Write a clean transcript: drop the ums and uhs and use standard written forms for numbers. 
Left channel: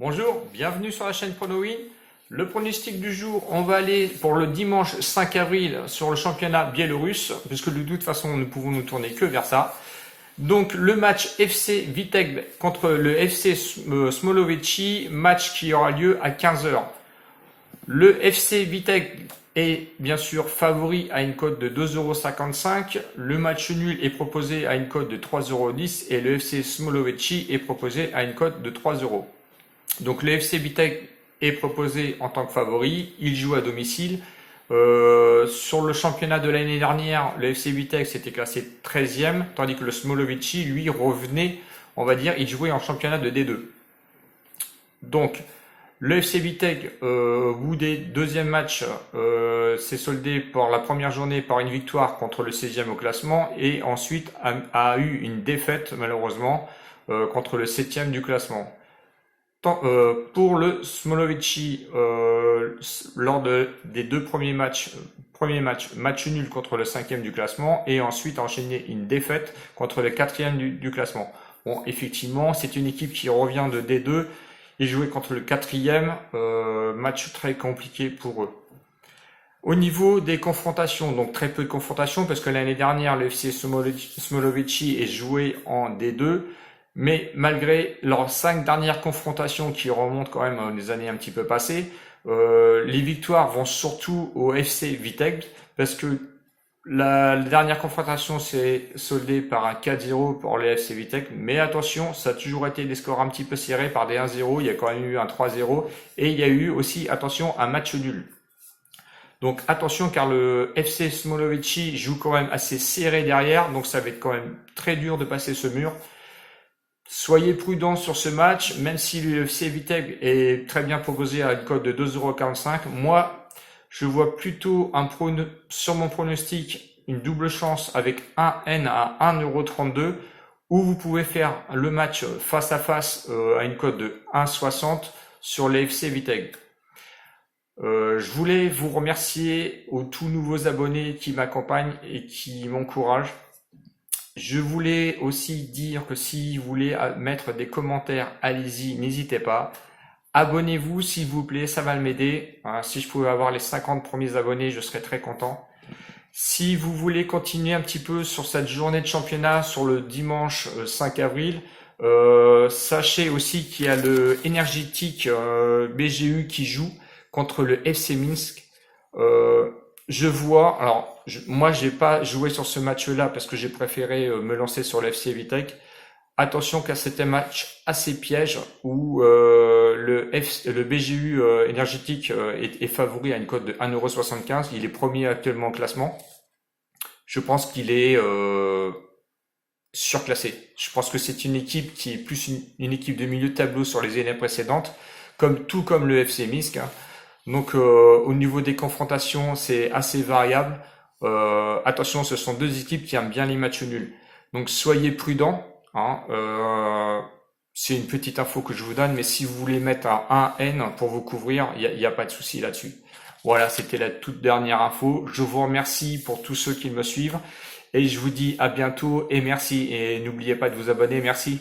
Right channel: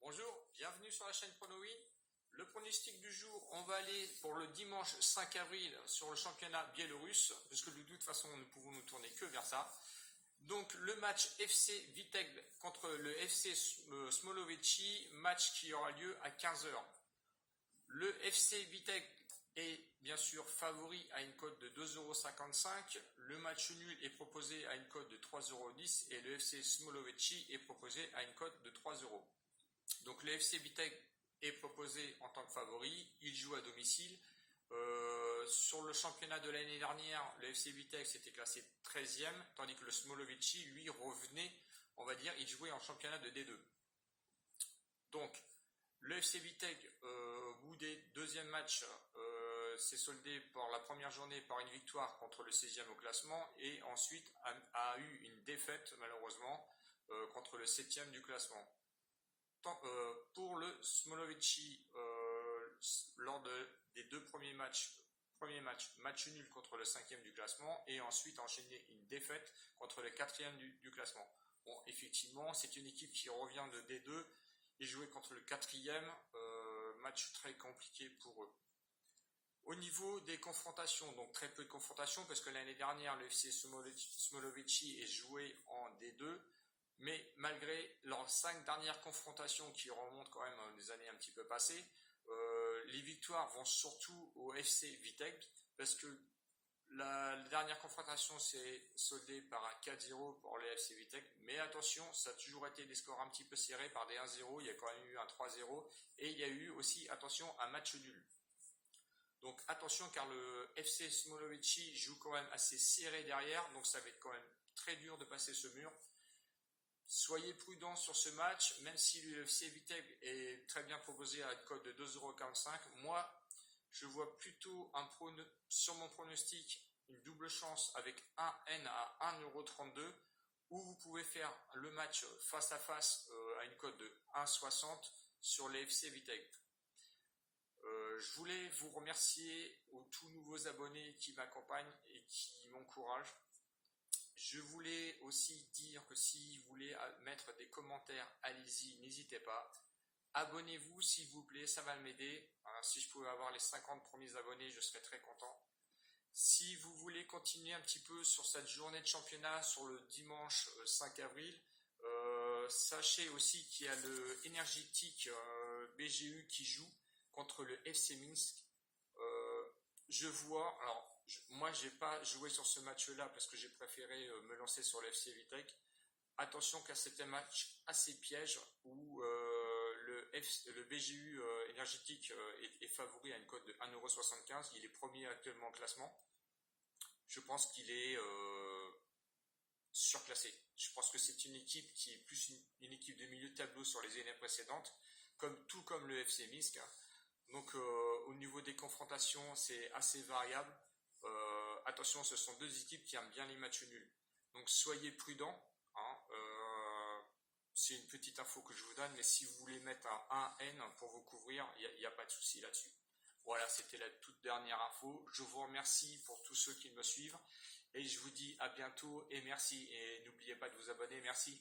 Bonjour, bienvenue sur la chaîne PronoWin. Le pronostic du jour, on va aller pour le dimanche 5 avril sur le championnat biélorusse, puisque de toute façon nous pouvons nous tourner que vers ça. Donc le match FC Vitebsk contre le FC Smolovici, match qui aura lieu à 15 heures. Le FC Vitebsk est bien sûr favori à une cote de 2,55 €. Le match nul est proposé à une cote de 3,10 € et le FC Smolovici est proposé à une cote de 3 €. Donc le FC Vitebsk est proposé en tant que favori, il joue à domicile. Sur le championnat de l'année dernière, le FC Vitebsk était classé 13e, tandis que le Smolovici, lui, revenait, on va dire, il jouait en championnat de D2. Donc, le FC Vitebsk, au bout des deuxièmes matchs, s'est soldé pour la première journée par une victoire contre le 16e au classement et ensuite a eu une défaite, malheureusement, contre le 7e du classement. Pour le Smolovici, lors des deux premiers matchs, match nul contre le 5e du classement et ensuite enchaîné une défaite contre le 4e du classement. Bon, effectivement, c'est une équipe qui revient de D2 et jouait contre le 4e, match très compliqué pour eux. Au niveau des confrontations, donc très peu de confrontations parce que l'année dernière, le FC Smolovici est joué en D2. Mais malgré leurs 5 dernières confrontations qui remontent quand même à des années un petit peu passées, les victoires vont surtout au FC Vitebsk parce que la dernière confrontation s'est soldée par un 4-0 pour le FC Vitebsk. Mais attention, ça a toujours été des scores un petit peu serrés par des 1-0, il y a quand même eu un 3-0 et il y a eu aussi, attention, un match nul. Donc attention car le FC Smolovici joue quand même assez serré derrière, donc ça va être quand même très dur de passer ce mur. Soyez prudents sur ce match, même si le FC Vitebsk est très bien proposé à une cote de 2,45 €. Moi, je vois plutôt sur mon pronostic une double chance avec un N à 1,32 € où vous pouvez faire le match face à face à une cote de 1,60 € sur le FC Vitebsk. Je voulais vous remercier aux tout nouveaux abonnés qui m'accompagnent et qui m'encouragent. Je voulais aussi dire que si vous voulez mettre des commentaires, allez-y, n'hésitez pas. Abonnez-vous s'il vous plaît, ça va m'aider. Si je pouvais avoir les 50 premiers abonnés, je serais très content. Si vous voulez continuer un petit peu sur cette journée de championnat sur le dimanche 5 avril, sachez aussi qu'il y a le énergétique BGU qui joue contre le FC Minsk. Je vois, alors moi j'ai pas joué sur ce match-là parce que j'ai préféré me lancer sur le FC Vitebsk. Attention car c'était un match assez piège où le BGU énergétique est favori à une cote de 1,75 €. Il est premier actuellement au classement. Je pense qu'il est surclassé. Je pense que c'est une équipe qui est plus une équipe de milieu de tableau sur les années précédentes, tout comme le FC Minsk, hein. Donc au niveau des confrontations, c'est assez variable. Attention, ce sont deux équipes qui aiment bien les matchs nuls. Donc soyez prudents, hein. C'est une petite info que je vous donne, mais si vous voulez mettre un 1N pour vous couvrir, il n'y a pas de souci là-dessus. Voilà, c'était la toute dernière info. Je vous remercie pour tous ceux qui me suivent et je vous dis à bientôt et merci. Et n'oubliez pas de vous abonner. Merci.